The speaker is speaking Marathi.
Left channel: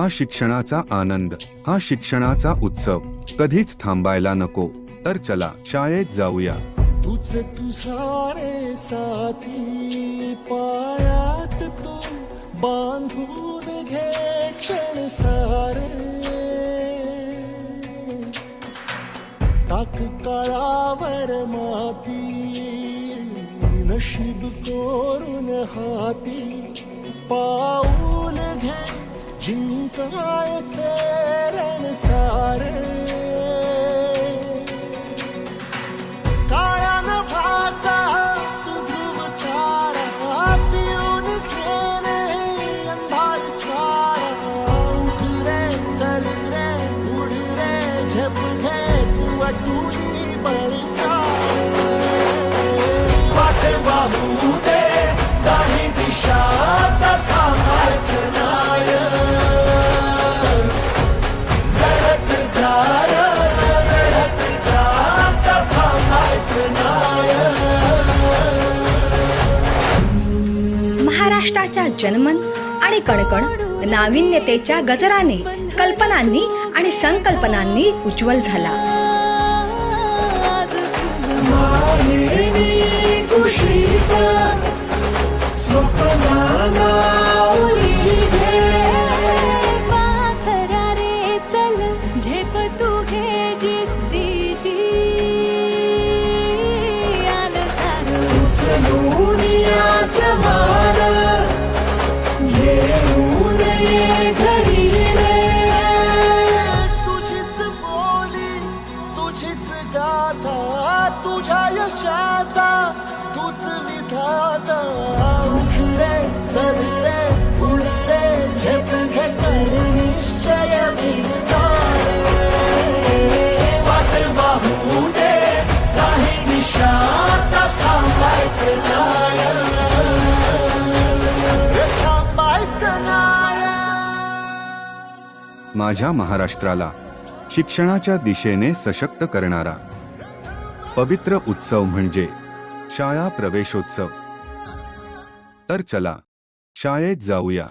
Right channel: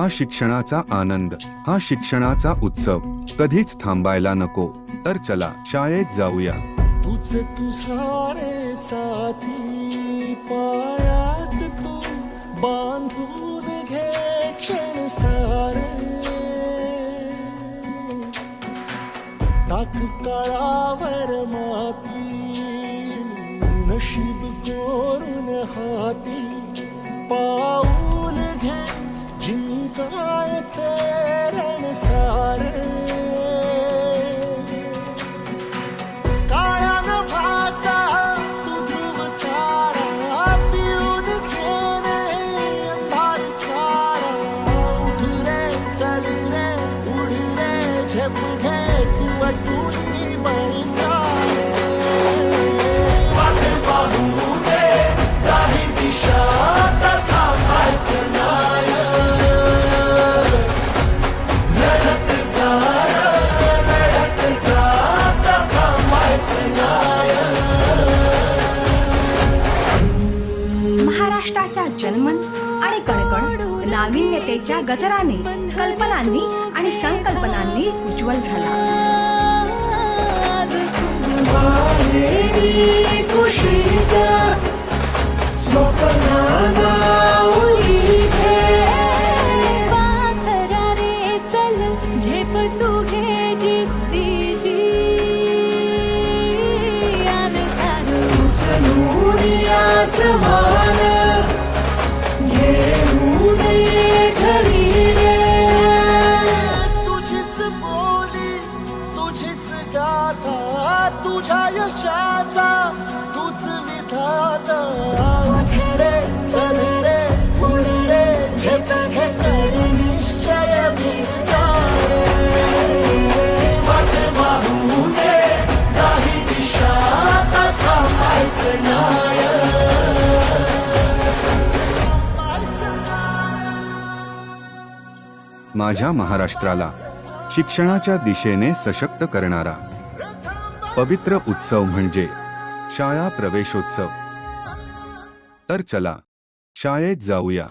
हा शिक्षणाचा आनंद हा शिक्षणाचा उत्सव. कधीच थांबायला नको तर चला शाळेत जाऊया. तुझ तुझारे साथी पायात तू बांधून घे क्षण सारे. टाक काळावर माती नशीब कोरून हाती पाऊल घे. जिंकायचे रण सारे. काळ्या नभाचा तू ध्रुव तारा पिऊन घेणे अंधार सारा. उठ रे चल रे उड रे झेप घे तू टुनी बळ सारे. वाट महाराष्ट्राच्या जनमन आणि कणकण नाविन्यतेच्या गजराने कल्पनांनी आणि संकल्पनांनी उज्ज्वल झाला. आज चल झेप तू घे जिद्दीची. उचलून आसमान तुझीच गाथा तुझ्या यशाचा तूच विधाता. उठ रे चल रे उड रे झेप घे कर निश्चय बीड वाट वाहू दे काही दिशा थांबायचं पायचं थांबायचं नाय. माझ्या महाराष्ट्राला शिक्षणाच्या दिशेने सशक्त करणारा. पवित्र उत्सव म्हणजे शाळा प्रवेशोत्सव. तर चला शाळेत जाऊया.